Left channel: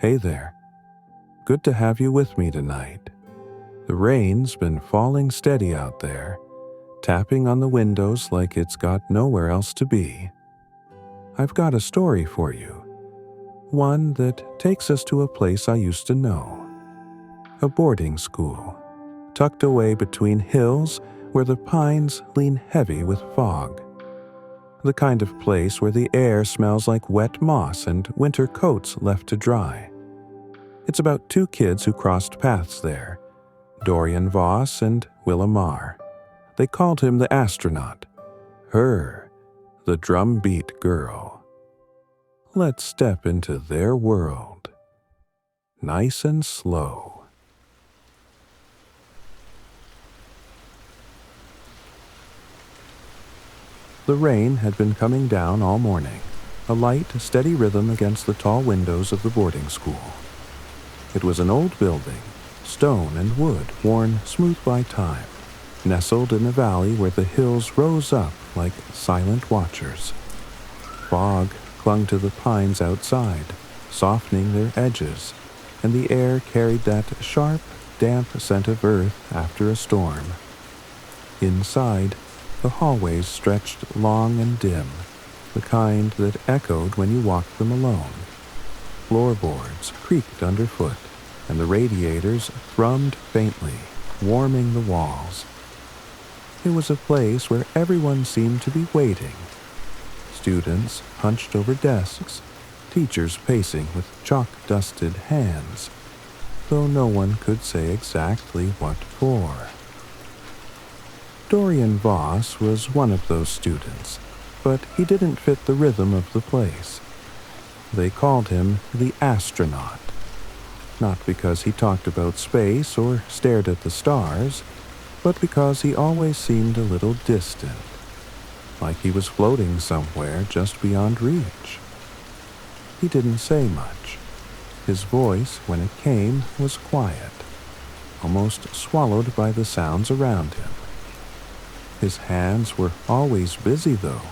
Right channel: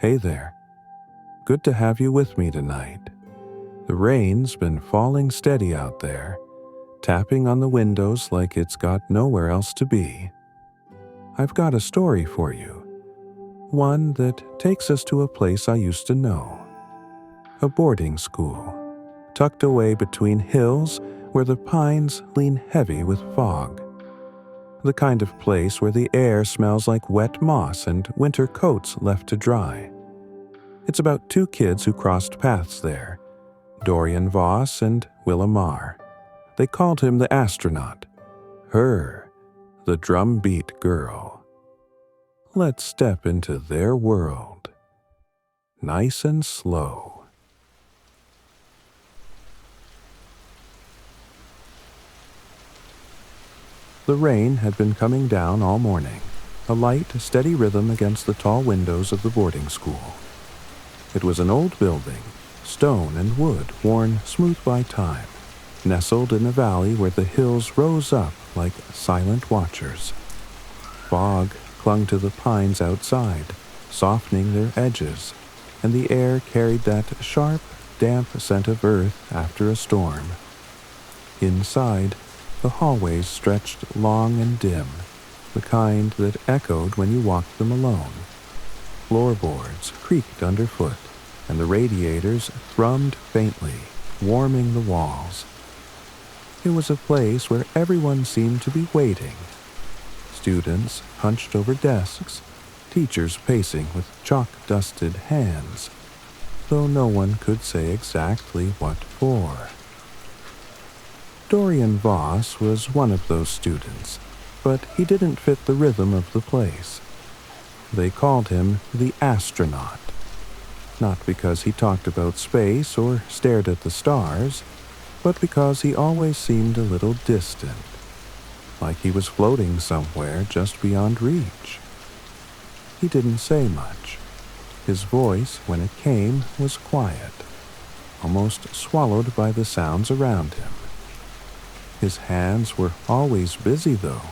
Hey there. Good to have you with me tonight. The rain's been falling steady out there, tapping on the windows like it's got nowhere else to be. I've got a story for you, one that takes us to a place I used to know. A boarding school, tucked away between hills where the pines lean heavy with fog. The kind of place where the air smells like wet moss and winter coats left to dry. It's about two kids who crossed paths there, Dorian Voss and Willa Marr. They called him the Astronaut, her, the Drumbeat Girl. Let's step into their world, nice and slow. The rain had been coming down all morning, a light, steady rhythm against the tall windows of the boarding school. It was an old building, stone and wood worn smooth by time, nestled in a valley where the hills rose up like silent watchers. Fog clung to the pines outside, softening their edges, and the air carried that sharp, damp scent of earth after a storm. Inside, the hallways stretched long and dim, the kind that echoed when you walked them alone. Floorboards creaked underfoot, and the radiators thrummed faintly, warming the walls. It was a place where everyone seemed to be waiting. Students hunched over desks, teachers pacing with chalk-dusted hands, though no one could say exactly what for. Dorian Voss was one of those students, but he didn't fit the rhythm of the place. They called him the Astronaut, not because he talked about space or stared at the stars, but because he always seemed a little distant, like he was floating somewhere just beyond reach. He didn't say much. His voice, when it came, was quiet, almost swallowed by the sounds around him. His hands were always busy, though,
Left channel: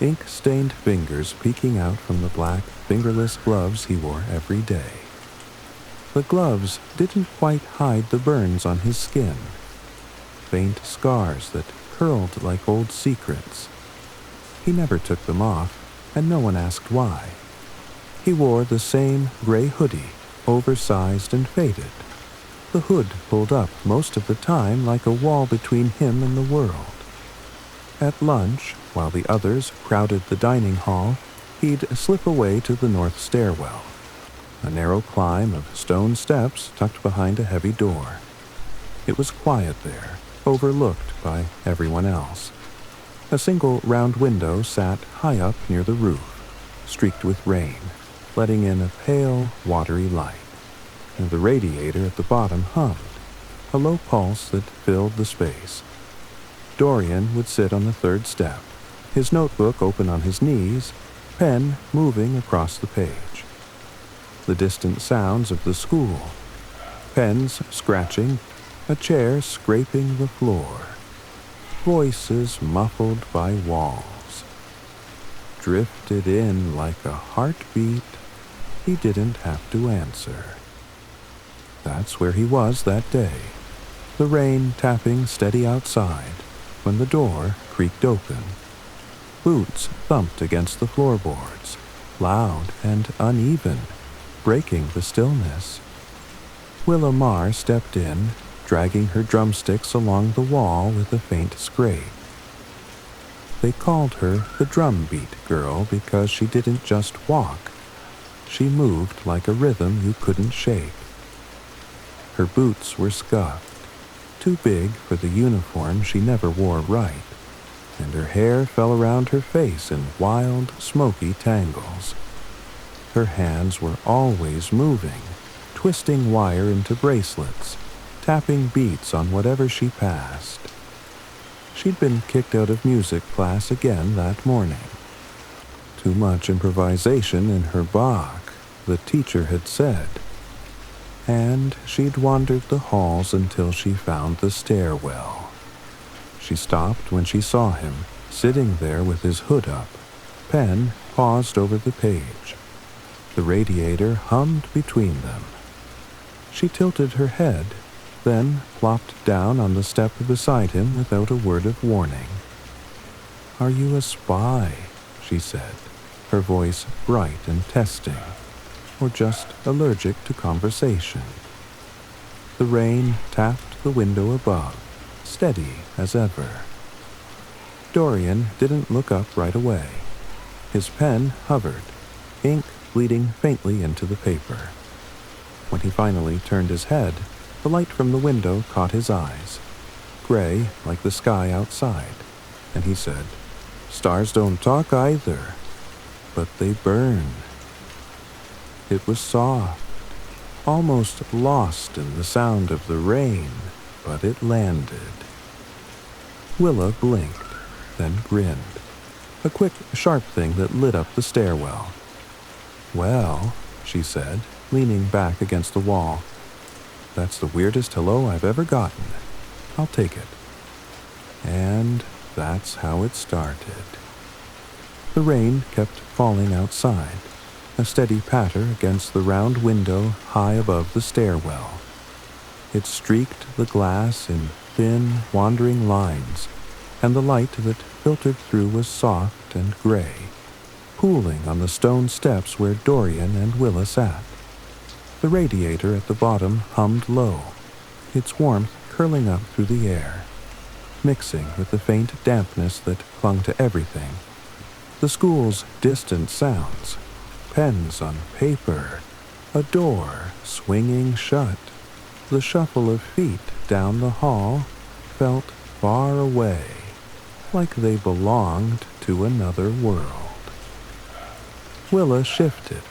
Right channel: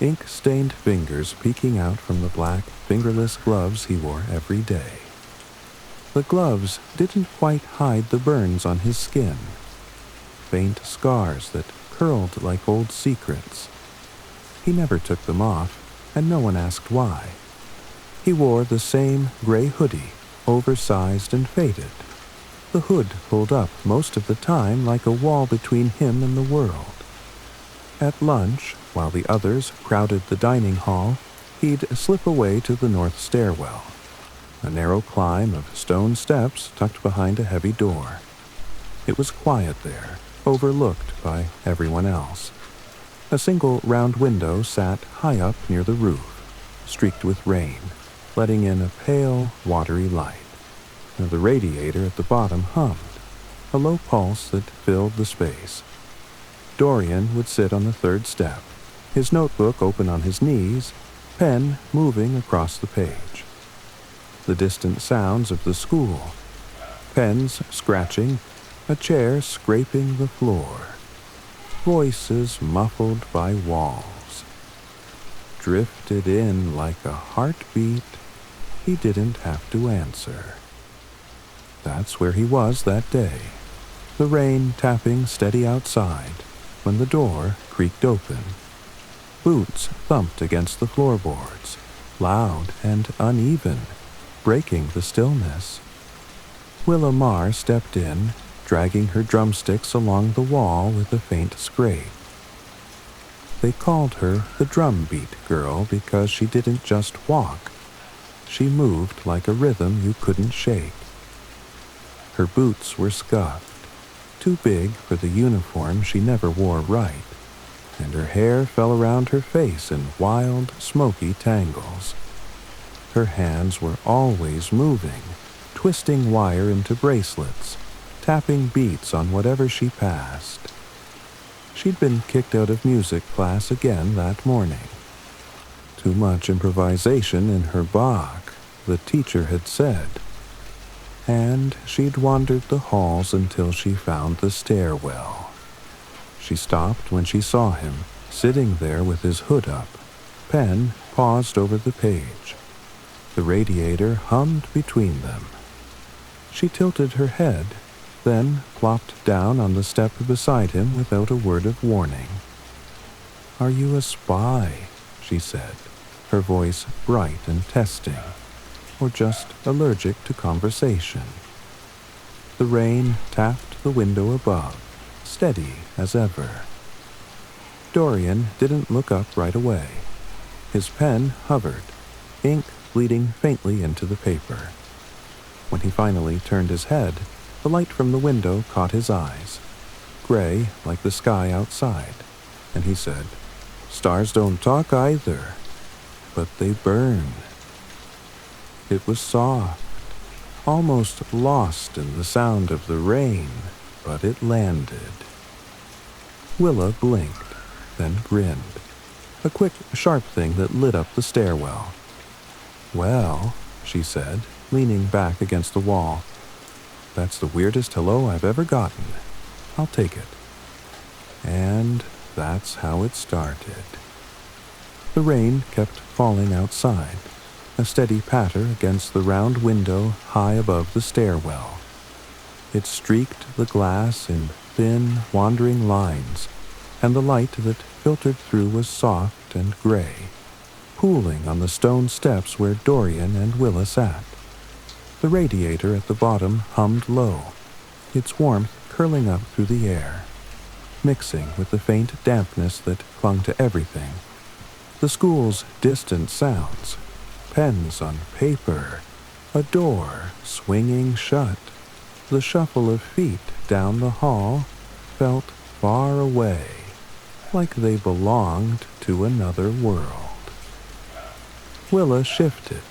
ink-stained fingers peeking out from the black, fingerless gloves he wore every day. The gloves didn't quite hide the burns on his skin, faint scars that curled like old secrets. He never took them off, and no one asked why. He wore the same gray hoodie, oversized and faded, the hood pulled up most of the time like a wall between him and the world. At lunch, while the others crowded the dining hall, he'd slip away to the north stairwell, a narrow climb of stone steps tucked behind a heavy door. It was quiet there, overlooked by everyone else. A single round window sat high up near the roof, streaked with rain, letting in a pale, watery light. The radiator at the bottom hummed, a low pulse that filled the space. Dorian would sit on the third step, his notebook open on his knees, pen moving across the page. The distant sounds of the school, pens scratching, a chair scraping the floor, voices muffled by walls, drifted in like a heartbeat he didn't have to answer. That's where he was that day, the rain tapping steady outside, when the door creaked open. Boots thumped against the floorboards, loud and uneven, breaking the stillness. Willa Marr stepped in, dragging her drumsticks along the wall with a faint scrape. They called her the Drumbeat Girl because she didn't just walk. She moved like a rhythm you couldn't shake. Her boots were scuffed, too big for the uniform she never wore right, and her hair fell around her face in wild, smoky tangles. Her hands were always moving, twisting wire into bracelets, tapping beats on whatever she passed. She'd been kicked out of music class again that morning. Too much improvisation in her Bach, the teacher had said. And she'd wandered the halls until she found the stairwell. She stopped when she saw him, sitting there with his hood up, pen paused over the page. The radiator hummed between them. She tilted her head, then plopped down on the step beside him without a word of warning. "Are you a spy?" she said, her voice bright and testing, or just allergic to conversation. The rain tapped the window above, steady as ever. Dorian didn't look up right away. His pen hovered, ink bleeding faintly into the paper. When he finally turned his head, the light from the window caught his eyes, gray like the sky outside, and he said, "Stars don't talk either, but they burn." It was soft, almost lost in the sound of the rain, but it landed. Willa blinked, then grinned, a quick, sharp thing that lit up the stairwell. "Well," she said, leaning back against the wall, "that's the weirdest hello I've ever gotten. I'll take it." And that's how it started. The rain kept falling outside, a steady patter against the round window high above the stairwell. It streaked the glass in thin, wandering lines, and the light that filtered through was soft and gray, pooling on the stone steps where Dorian and Willa sat. The radiator at the bottom hummed low, its warmth curling up through the air, mixing with the faint dampness that clung to everything. The school's distant sounds, pens on paper, a door swinging shut, the shuffle of feet down the hall felt far away, like they belonged to another world. Willa shifted,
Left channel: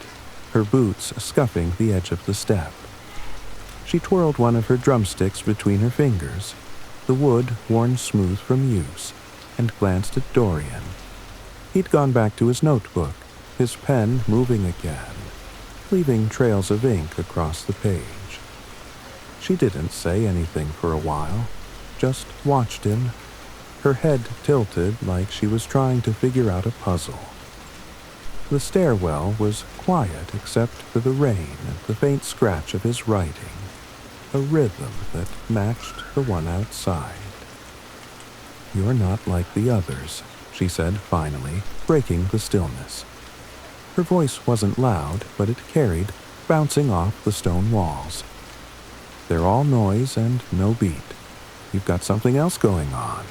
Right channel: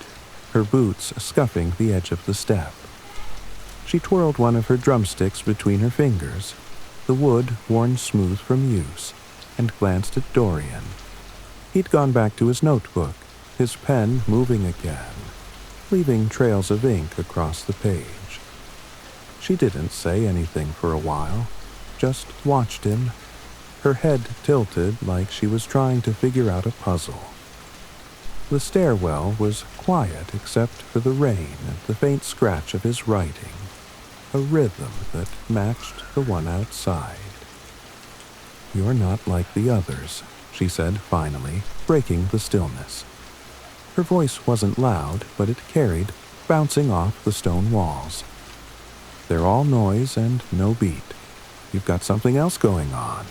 her boots scuffing the edge of the step. She twirled one of her drumsticks between her fingers, the wood worn smooth from use, and glanced at Dorian. He'd gone back to his notebook, his pen moving again, leaving trails of ink across the page. She didn't say anything for a while, just watched him, her head tilted like she was trying to figure out a puzzle. The stairwell was quiet except for the rain and the faint scratch of his writing, a rhythm that matched the one outside. "You're not like the others," she said finally, breaking the stillness. Her voice wasn't loud, but it carried, bouncing off the stone walls. "They're all noise and no beat. You've got something else going on."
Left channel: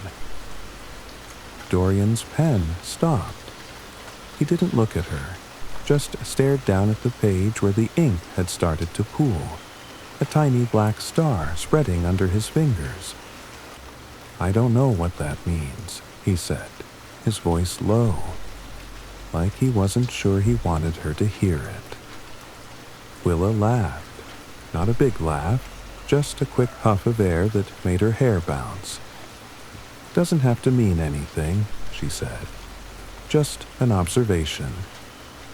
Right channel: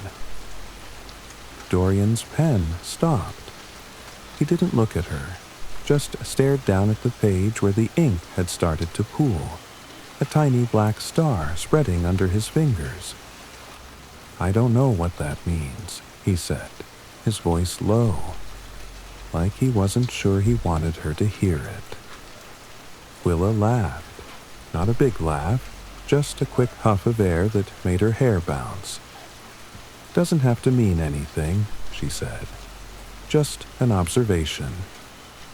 Dorian's pen stopped. He didn't look at her, just stared down at the page where the ink had started to pool, a tiny black star spreading under his fingers. "I don't know what that means," he said, his voice low, like he wasn't sure he wanted her to hear it. Willa laughed, not a big laugh, just a quick huff of air that made her hair bounce. "Doesn't have to mean anything," she said. "Just an observation,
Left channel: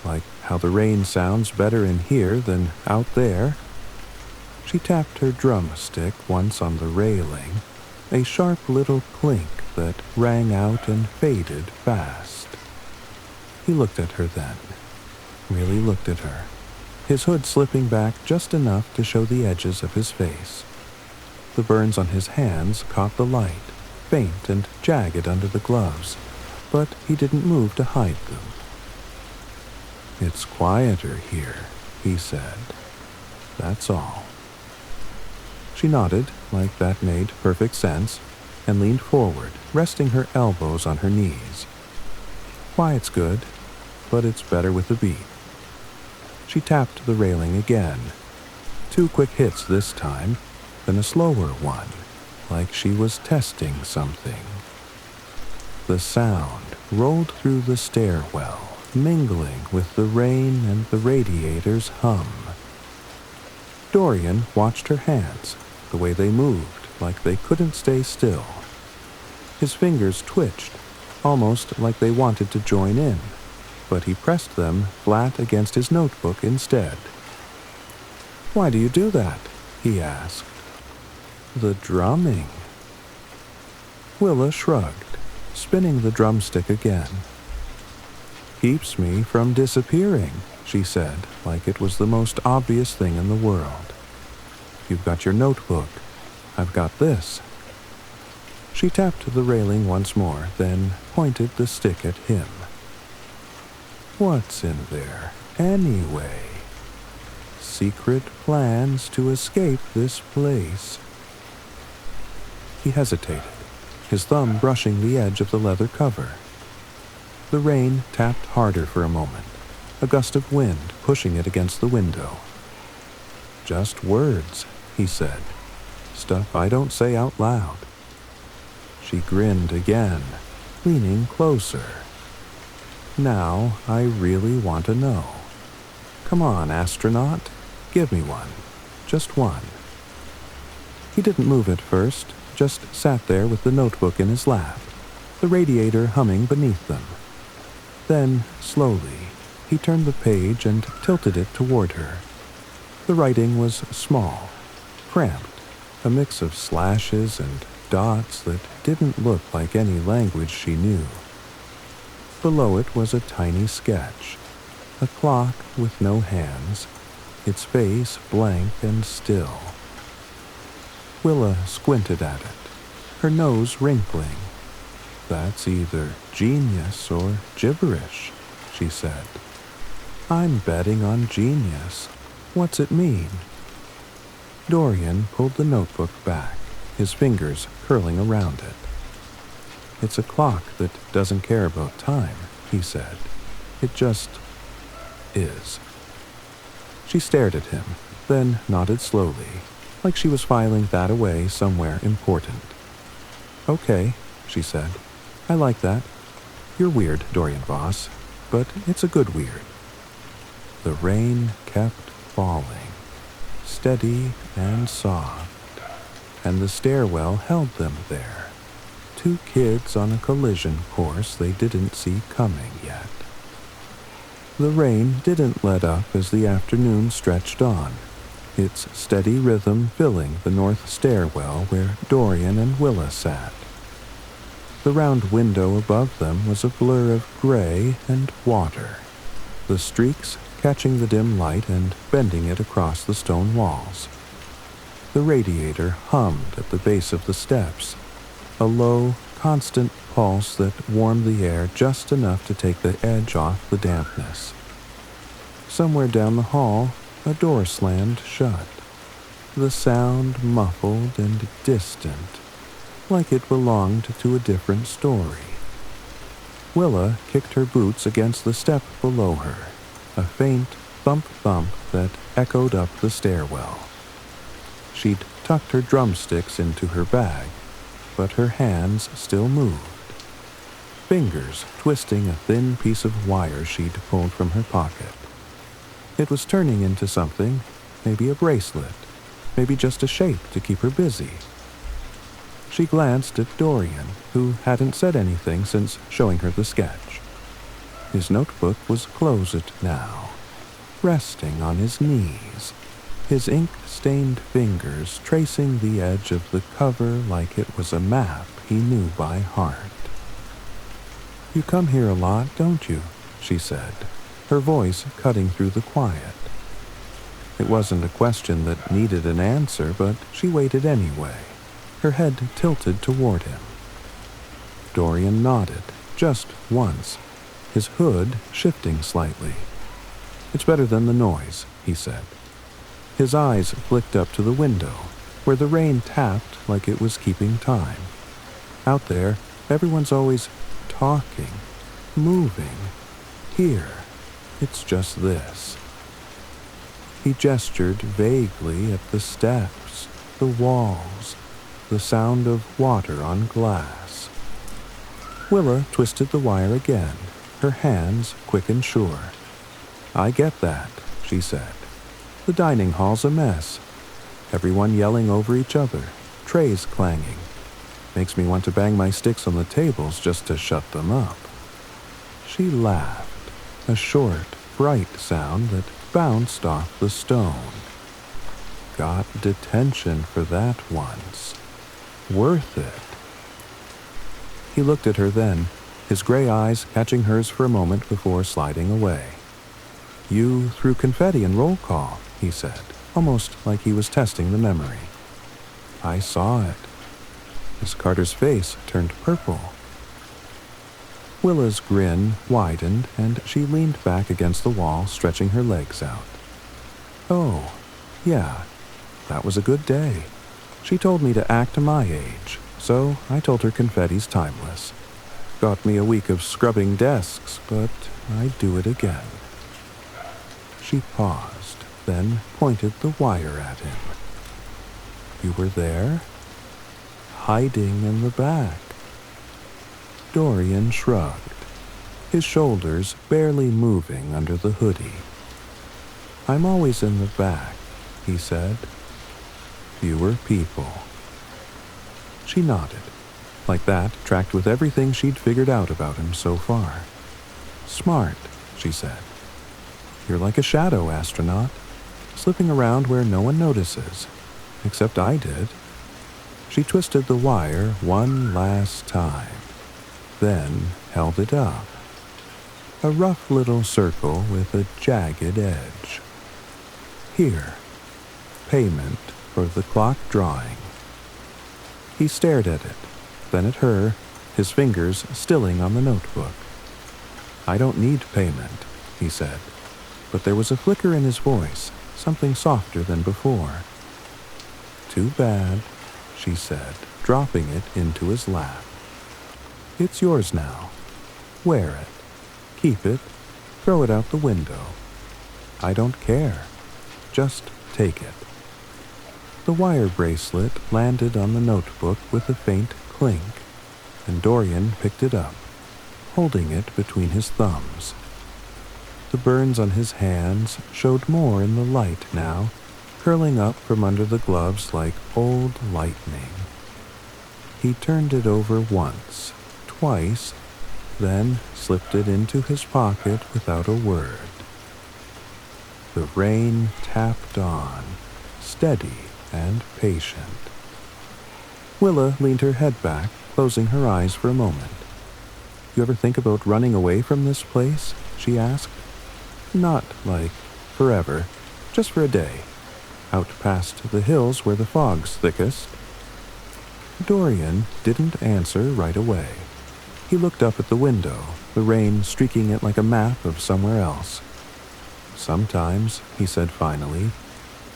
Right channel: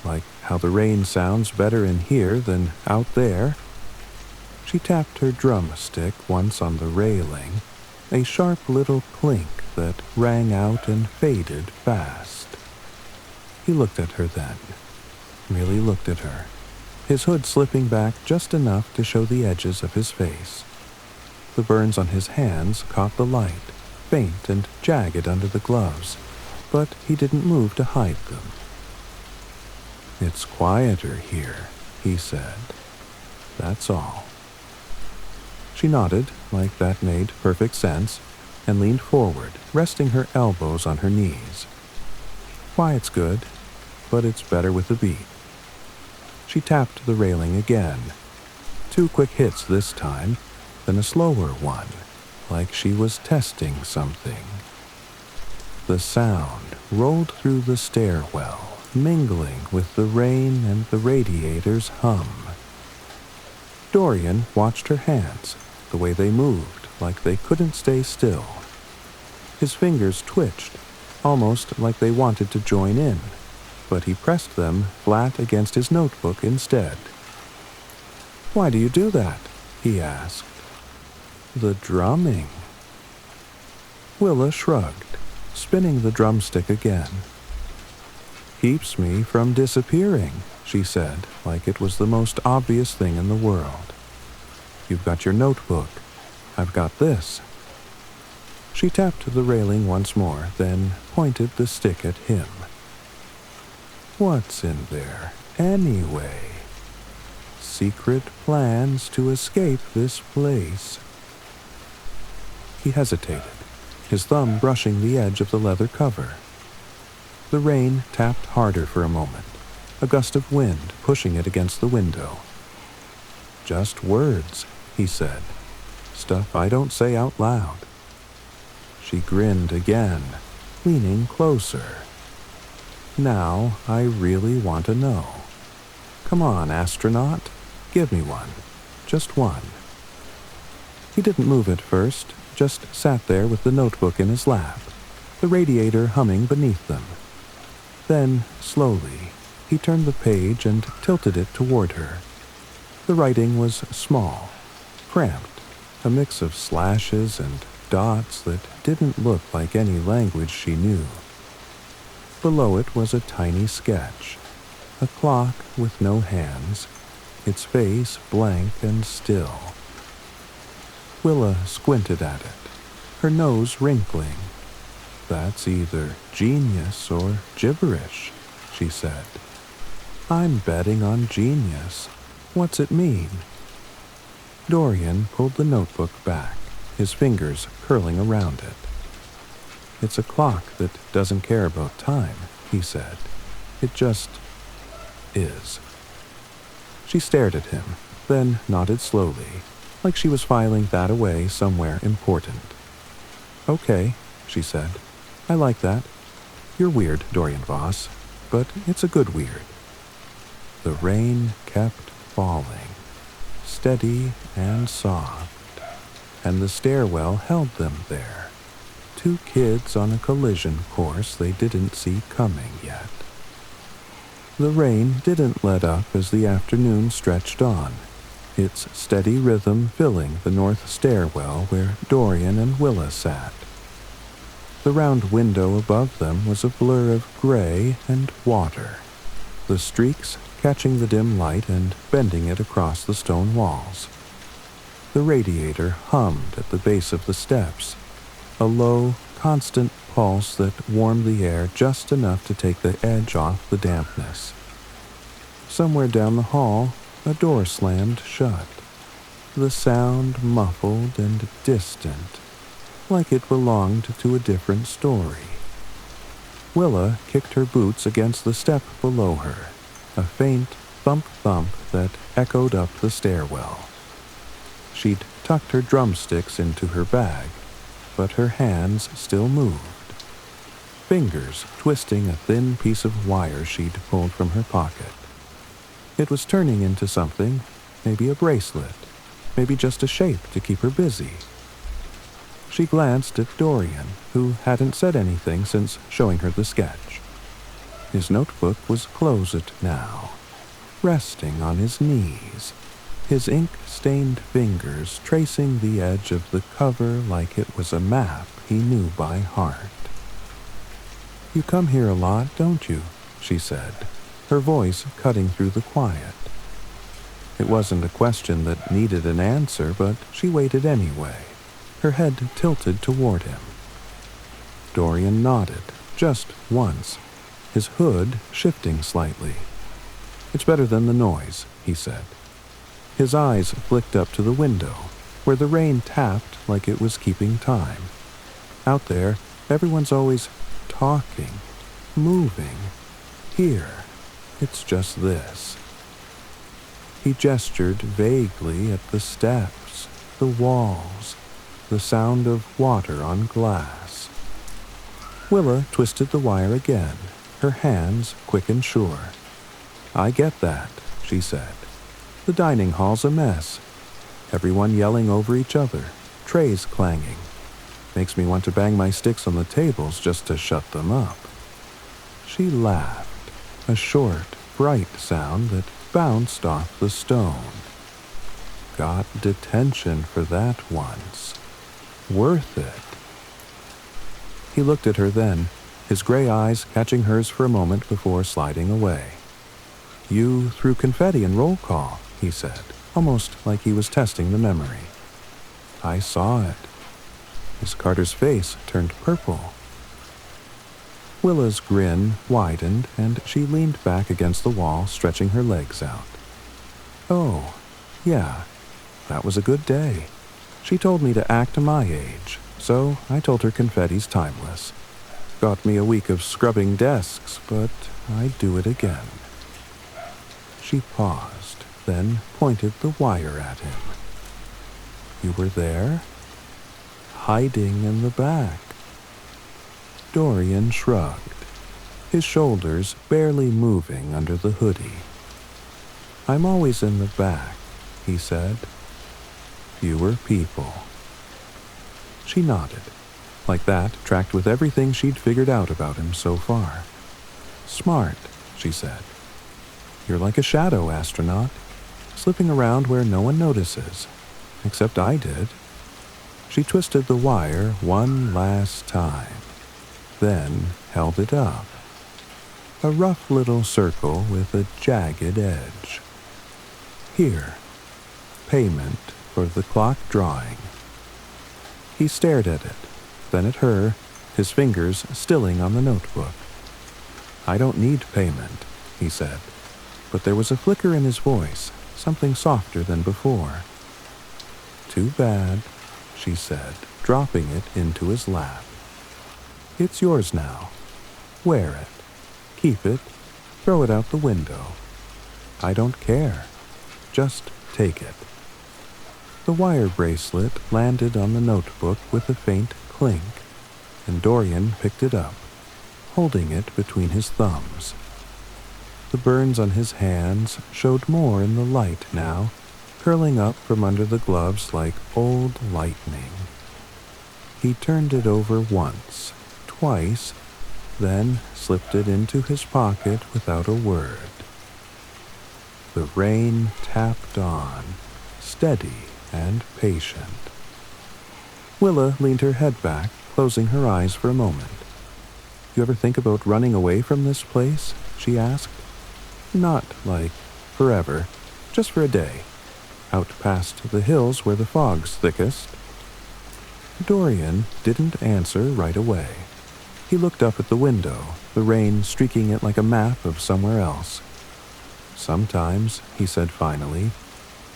like how the rain sounds better in here than out there." She tapped her drumstick once on the railing, a sharp little clink that rang out and faded fast. He looked at her then, really looked at her, his hood slipping back just enough to show the edges of his face. The burns on his hands caught the light, faint and jagged under the gloves, but he didn't move to hide them. "It's quieter here," he said. "That's all." She nodded, like that made perfect sense, and leaned forward, resting her elbows on her knees. "Quiet's good, but it's better with a beat." She tapped the railing again, 2 quick hits this time, then a slower one, like she was testing something. The sound rolled through the stairwell, mingling with the rain and the radiator's hum. Dorian watched her hands, the way they moved, like they couldn't stay still. His fingers twitched, almost like they wanted to join in, but he pressed them flat against his notebook instead. "Why do you do that?" he asked. "The drumming." Willa shrugged, spinning the drumstick again. "Keeps me from disappearing," she said, like it was the most obvious thing in the world. "You've got your notebook. I've got this." She tapped the railing once more, then pointed the stick at him. "What's in there, anyway? Secret plans to escape this place." He hesitated, his thumb brushing the edge of the leather cover. The rain tapped harder for a moment, a gust of wind pushing it against the window. "Just words," he said. "Stuff I don't say out loud." She grinned again, leaning closer. "Now I really want to know. Come on, astronaut. Give me one. Just one." He didn't move at first, just sat there with the notebook in his lap, the radiator humming beneath them. Then, slowly, he turned the page and tilted it toward her. The writing was small, cramped, a mix of slashes and dots that didn't look like any language she knew. Below it was a tiny sketch, a clock with no hands, its face blank and still. Willa squinted at it, her nose wrinkling. "That's either genius or gibberish," she said. "I'm betting on genius. What's it mean?" Dorian pulled the notebook back, his fingers curling around it. "It's a clock that doesn't care about time," he said. "It just is." She stared at him, then nodded slowly, like she was filing that away somewhere important. "Okay," she said. "I like that. You're weird, Dorian Voss, but it's a good weird." The rain kept falling, steady and soft, and the stairwell held them there, two kids on a collision course they didn't see coming yet. The rain didn't let up as the afternoon stretched on, its steady rhythm filling the north stairwell where Dorian and Willa sat. The round window above them was a blur of gray and water, the streaks catching the dim light and bending it across the stone walls. The radiator hummed at the base of the steps, a low, constant pulse that warmed the air just enough to take the edge off the dampness. Somewhere down the hall, a door slammed shut, the sound muffled and distant, like it belonged to a different story. Willa kicked her boots against the step below her, a faint thump-thump that echoed up the stairwell. She'd tucked her drumsticks into her bag, but her hands still moved, fingers twisting a thin piece of wire she'd pulled from her pocket. It was turning into something, maybe a bracelet, maybe just a shape to keep her busy. She glanced at Dorian, who hadn't said anything since showing her the sketch. His notebook was closed now, resting on his knees, his ink-stained fingers tracing the edge of the cover like it was a map he knew by heart. "You come here a lot, don't you?" she said, her voice cutting through the quiet. It wasn't a question that needed an answer, but she waited anyway, her head tilted toward him. Dorian nodded, just once, his hood shifting slightly. "It's better than the noise," he said. His eyes flicked up to the window, where the rain tapped like it was keeping time. Out there, everyone's always talking, moving. Here, it's just this. He gestured vaguely at the steps, the walls, the sound of water on glass. Willa twisted the wire again, her hands quick and sure. "I get that," she said. "The dining hall's a mess. Everyone yelling over each other, trays clanging. Makes me want to bang my sticks on the tables just to shut them up." She laughed, a short, bright sound that bounced off the stone. "Got detention for that once. Worth it." He looked at her then, his gray eyes catching hers for a moment before sliding away. You threw confetti in roll call, he said, almost like he was testing the memory. I saw it. Miss Carter's face turned purple. Willa's grin widened, and she leaned back against the wall, stretching her legs out. Oh, yeah, that was a good day. She told me to act my age, so I told her confetti's timeless. Got me a week of scrubbing desks, but I'd do it again. She paused, then pointed the wire at him. You were there? Hiding in the back. Dorian shrugged, his shoulders barely moving under the hoodie. I'm always in the back, he said. Fewer people. She nodded. Like that, tracked with everything she'd figured out about him so far. Smart, she said. You're like a shadow astronaut, slipping around where no one notices, except I did. She twisted the wire one last time, then held it up. A rough little circle with a jagged edge. Here, payment for the clock drawing. He stared at it, then at her, his fingers stilling on the notebook. I don't need payment, he said, but there was a flicker in his voice, something softer than before. Too bad, she said, dropping it into his lap. It's yours now. Wear it. Keep it. Throw it out the window. I don't care. Just take it. The wire bracelet landed on the notebook with a faint clink, and Dorian picked it up, holding it between his thumbs. The burns on his hands showed more in the light now, curling up from under the gloves like old lightning. He turned it over once, twice, then slipped it into his pocket without a word. The rain tapped on, steady and patient. Willa leaned her head back, closing her eyes for a moment. You ever think about running away from this place? She asked. Not like forever, just for a day. Out past the hills where the fog's thickest. Dorian didn't answer right away. He looked up at the window, the rain streaking it like a map of somewhere else. Sometimes, he said finally,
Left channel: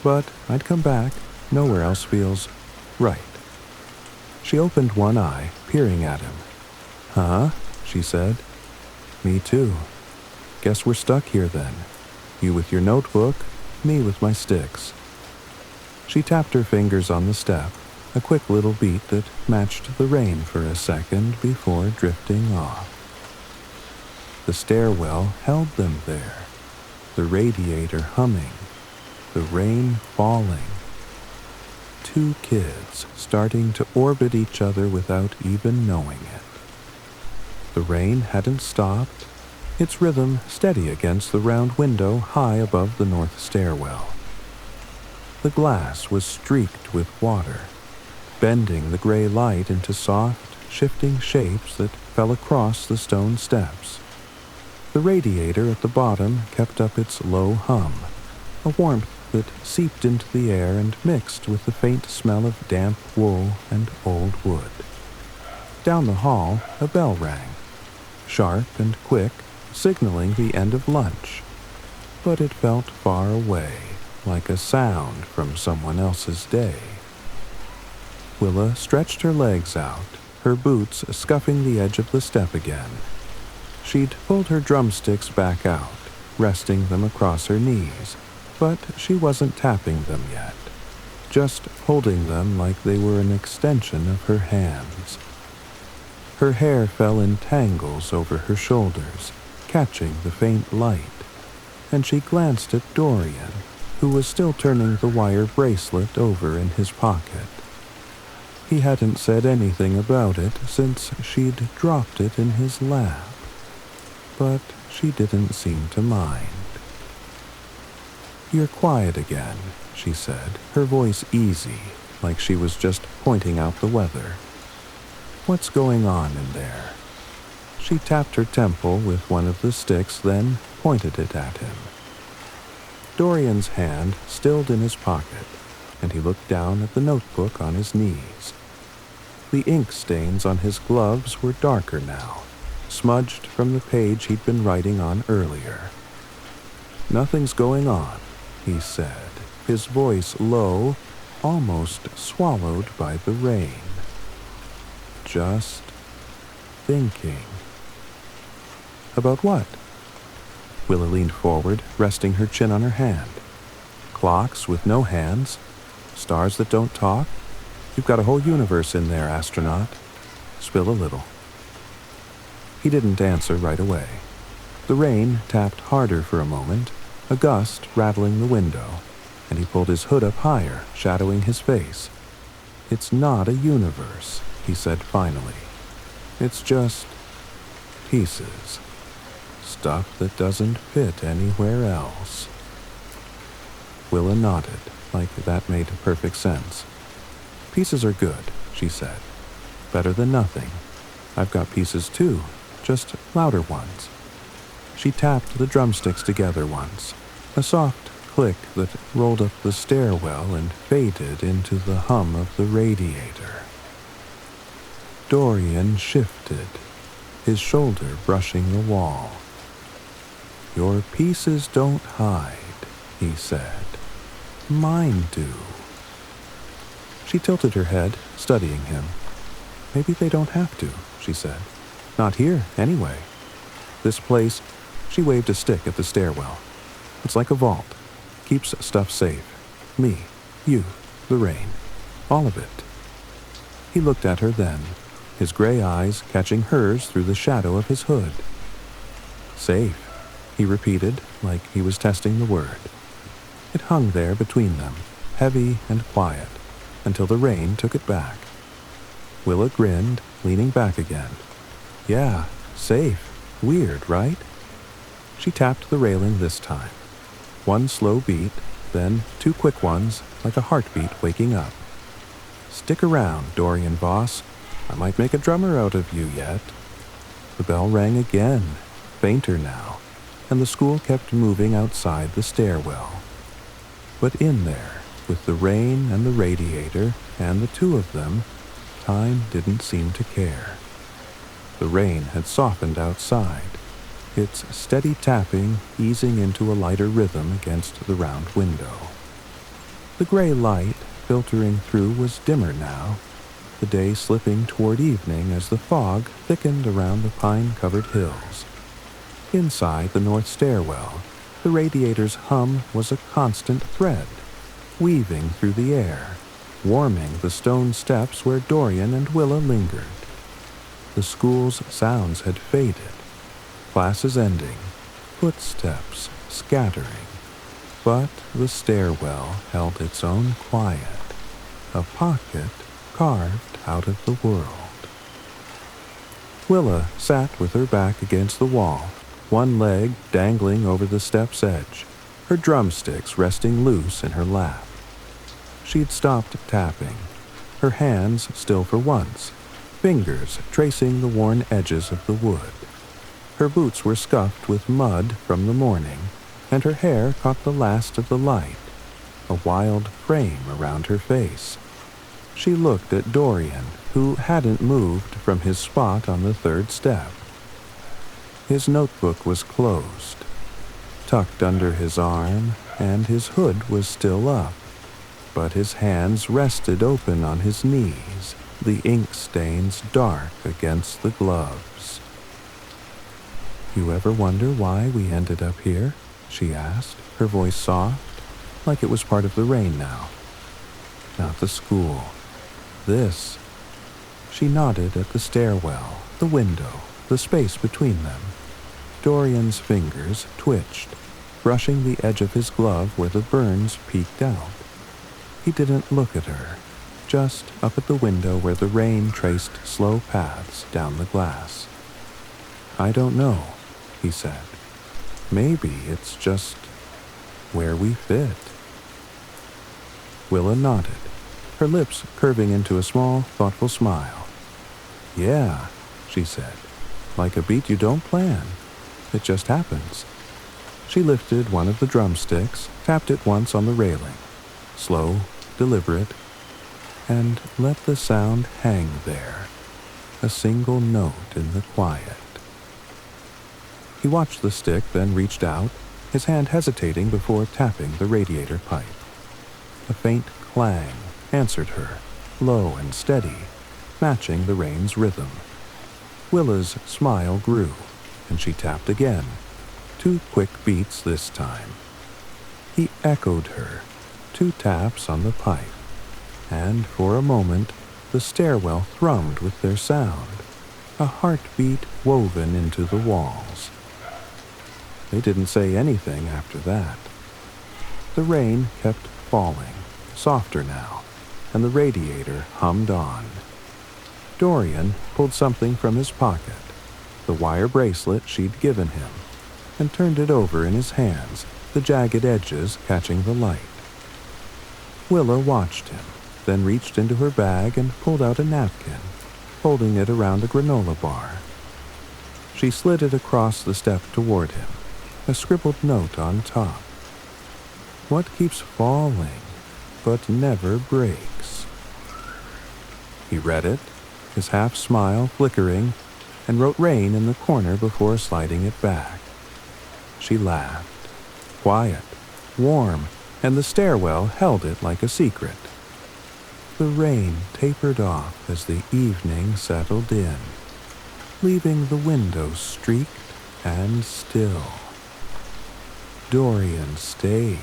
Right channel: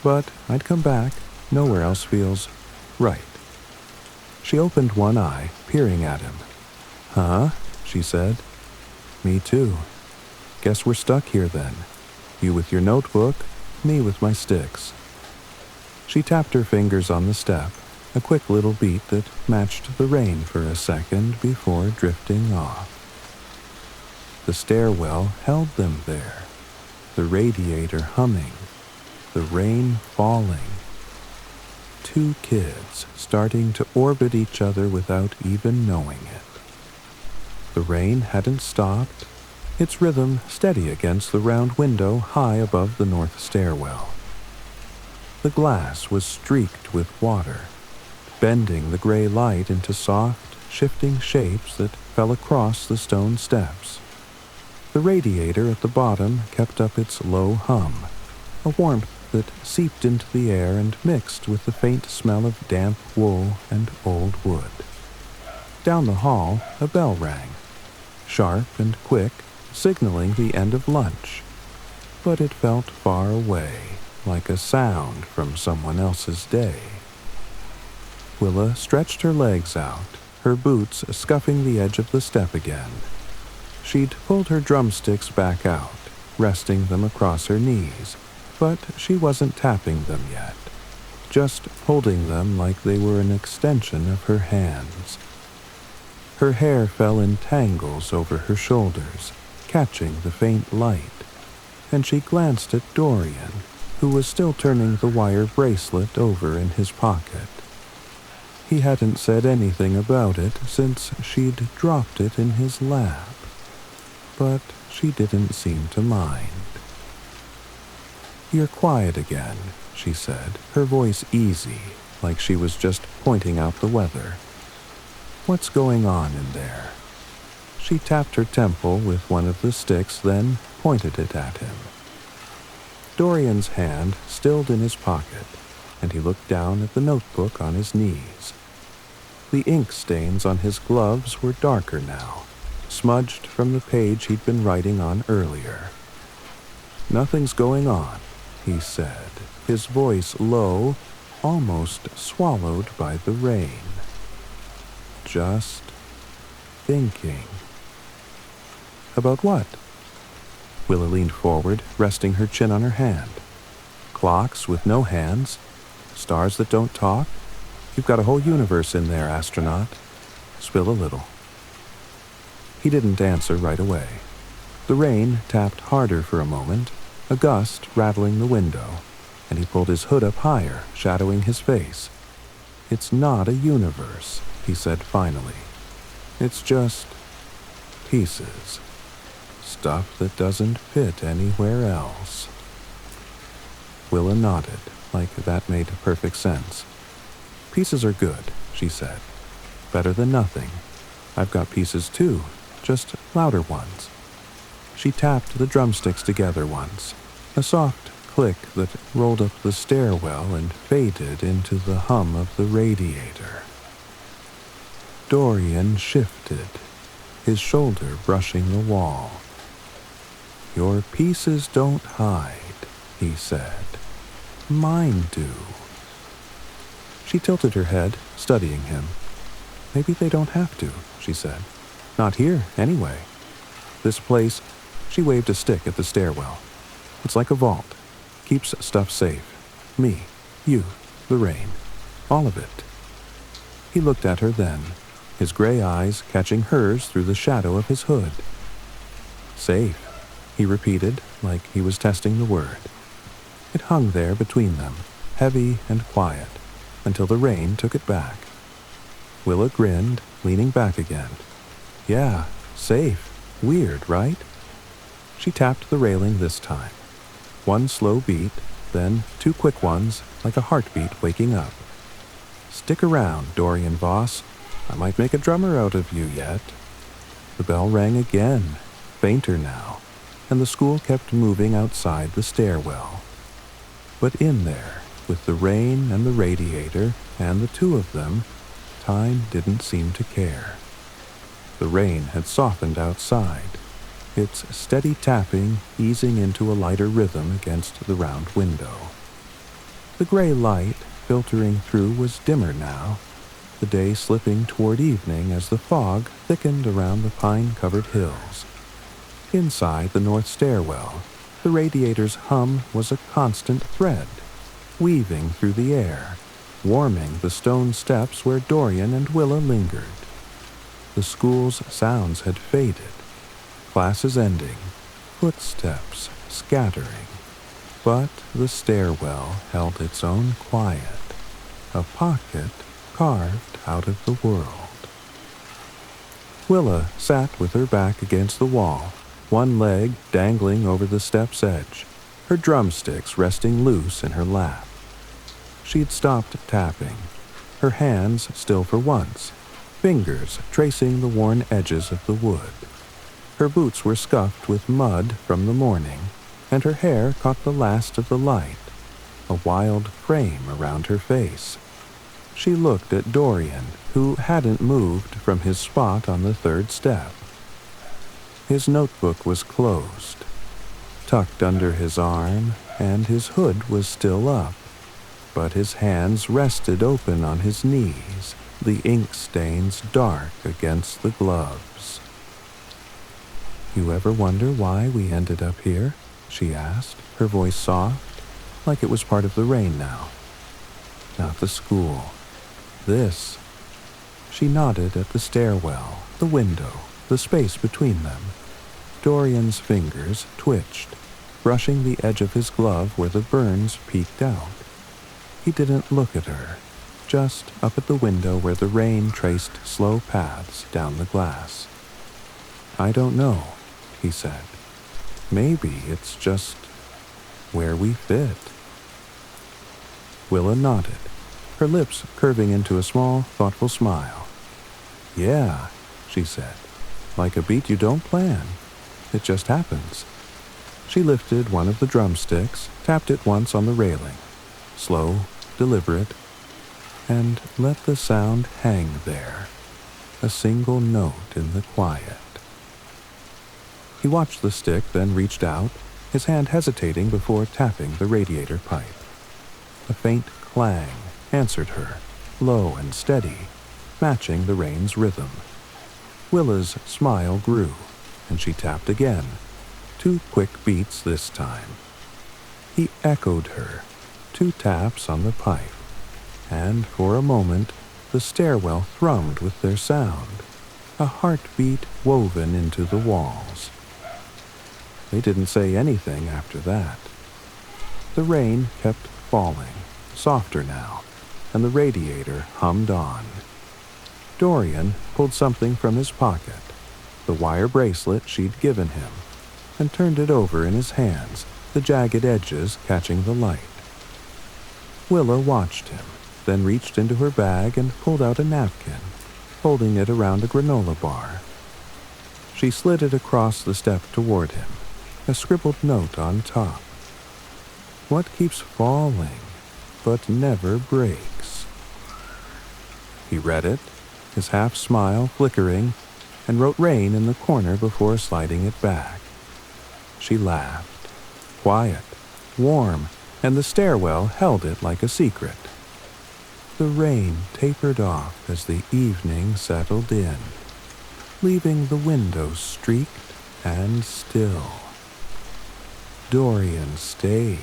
but I'd come back. Nowhere else feels right. She opened one eye, peering at him. Huh? She said. Me too. Guess we're stuck here then. You with your notebook, me with my sticks. She tapped her fingers on the step, a quick little beat that matched the rain for a second before drifting off. The stairwell held them there, the radiator humming, the rain falling. Two kids starting to orbit each other without even knowing it. The rain hadn't stopped, its rhythm steady against the round window high above the north stairwell. The glass was streaked with water, bending the gray light into soft, shifting shapes that fell across the stone steps. The radiator at the bottom kept up its low hum, a warmth that seeped into the air and mixed with the faint smell of damp wool and old wood. Down the hall, a bell rang, sharp and quick, signaling the end of lunch. But it felt far away, like a sound from someone else's day. Willa stretched her legs out, her boots scuffing the edge of the step again. She'd pulled her drumsticks back out, resting them across her knees, but she wasn't tapping them yet, just holding them like they were an extension of her hands. Her hair fell in tangles over her shoulders, catching the faint light, and she glanced at Dorian, who was still turning the wire bracelet over in his pocket. He hadn't said anything about it since she'd dropped it in his lap, but she didn't seem to mind. You're quiet again, she said, her voice easy, like she was just pointing out the weather. What's going on in there? She tapped her temple with one of the sticks, then pointed it at him. Dorian's hand stilled in his pocket, and he looked down at the notebook on his knees. The ink stains on his gloves were darker now, smudged from the page he'd been writing on earlier. "Nothing's going on," he said, his voice low, almost swallowed by the rain. "Just thinking." "About what?" Willa leaned forward, resting her chin on her hand. "Clocks with no hands? Stars that don't talk? You've got a whole universe in there, Astronaut. Spill a little." He didn't answer right away. The rain tapped harder for a moment, a gust rattling the window, and he pulled his hood up higher, shadowing his face. "It's not a universe," he said finally. "It's just pieces. Stuff that doesn't fit anywhere else." Willa nodded, like that made perfect sense. "Pieces are good," she said. "Better than nothing. I've got pieces too, just louder ones." She tapped the drumsticks together once, a soft click that rolled up the stairwell and faded into the hum of the radiator. Dorian shifted, his shoulder brushing the wall. "Your pieces don't hide," he said. "Mine do." She tilted her head, studying him. "Maybe they don't have to," she said. "Not here, anyway. This place," she waved a stick at the stairwell. "It's like a vault. Keeps stuff safe. Me, you, the rain. All of it." He looked at her then, his gray eyes catching hers through the shadow of his hood. "Safe," he repeated, like he was testing the word. It hung there between them, heavy and quiet, until the rain took it back. Willa grinned, leaning back again. "Yeah, safe. Weird, right?" She tapped the railing this time. One slow beat, then two quick ones, like a heartbeat waking up. "Stick around, Dorian Voss. I might make a drummer out of you yet." The bell rang again, fainter now, and the school kept moving outside the stairwell. But in there, with the rain and the radiator and the two of them, time didn't seem to care. The rain had softened outside, its steady tapping easing into a lighter rhythm against the round window. The gray light filtering through was dimmer now, the day slipping toward evening as the fog thickened around the pine-covered hills. Inside the north stairwell, the radiator's hum was a constant thread, weaving through the air, warming the stone steps where Dorian and Willa lingered. The school's sounds had faded, classes ending, footsteps scattering, but the stairwell held its own quiet, a pocket carved out of the world. Willa sat with her back against the wall, one leg dangling over the step's edge, her drumsticks resting loose in her lap. She'd stopped tapping, her hands still for once, fingers tracing the worn edges of the wood. Her boots were scuffed with mud from the morning, and her hair caught the last of the light, a wild frame around her face. She looked at Dorian, who hadn't moved from his spot on the third step. His notebook was closed, tucked under his arm, and his hood was still up, but his hands rested open on his knees, the ink stains dark against the gloves. "You ever wonder why we ended up here?" she asked, her voice soft, like it was part of the rain now. "Not the school. This." She nodded at the stairwell, the window, the space between them. Dorian's fingers twitched, brushing the edge of his glove where the burns peeked out. He didn't look at her, just up at the window where the rain traced slow paths down the glass. "I don't know," he said. "Maybe it's just where we fit." Willa nodded, her lips curving into a small, thoughtful smile. "Yeah," she said, "like a beat you don't plan. It just happens." She lifted one of the drumsticks, tapped it once on the railing, slow, deliberate, and let the sound hang there, a single note in the quiet. He watched the stick, then reached out, his hand hesitating before tapping the radiator pipe. A faint clang answered her, low and steady, matching the rain's rhythm. Willa's smile grew, and she tapped again, 2 quick beats this time. He echoed her, 2 taps on the pipe, and for a moment the stairwell thrummed with their sound, a heartbeat woven into the walls. They didn't say anything after that. The rain kept falling, softer now, and the radiator hummed on. Dorian pulled something from his pocket, the wire bracelet she'd given him, and turned it over in his hands, the jagged edges catching the light. Willa watched him, then reached into her bag and pulled out a napkin, folding it around a granola bar. She slid it across the step toward him, a scribbled note on top. What keeps falling, but never breaks? He read it, his half-smile flickering, and wrote rain in the corner before sliding it back. She laughed, quiet, warm, and the stairwell held it like a secret. The rain tapered off as the evening settled in, leaving the windows streaked and still. Dorian stayed.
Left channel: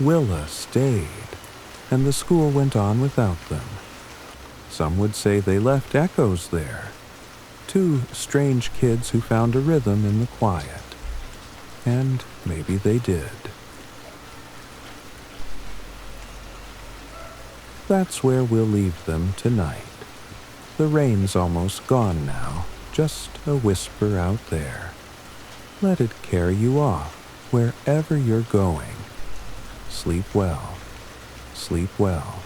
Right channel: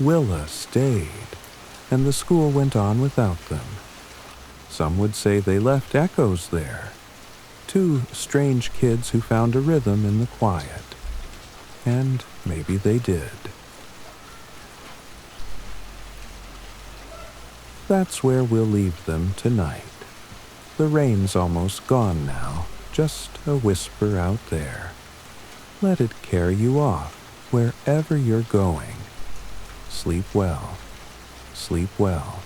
Willa stayed, and the school went on without them. Some would say they left echoes there, 2 strange kids who found a rhythm in the quiet. And maybe they did. That's where we'll leave them tonight. The rain's almost gone now, just a whisper out there. Let it carry you off wherever you're going. Sleep well. Sleep well.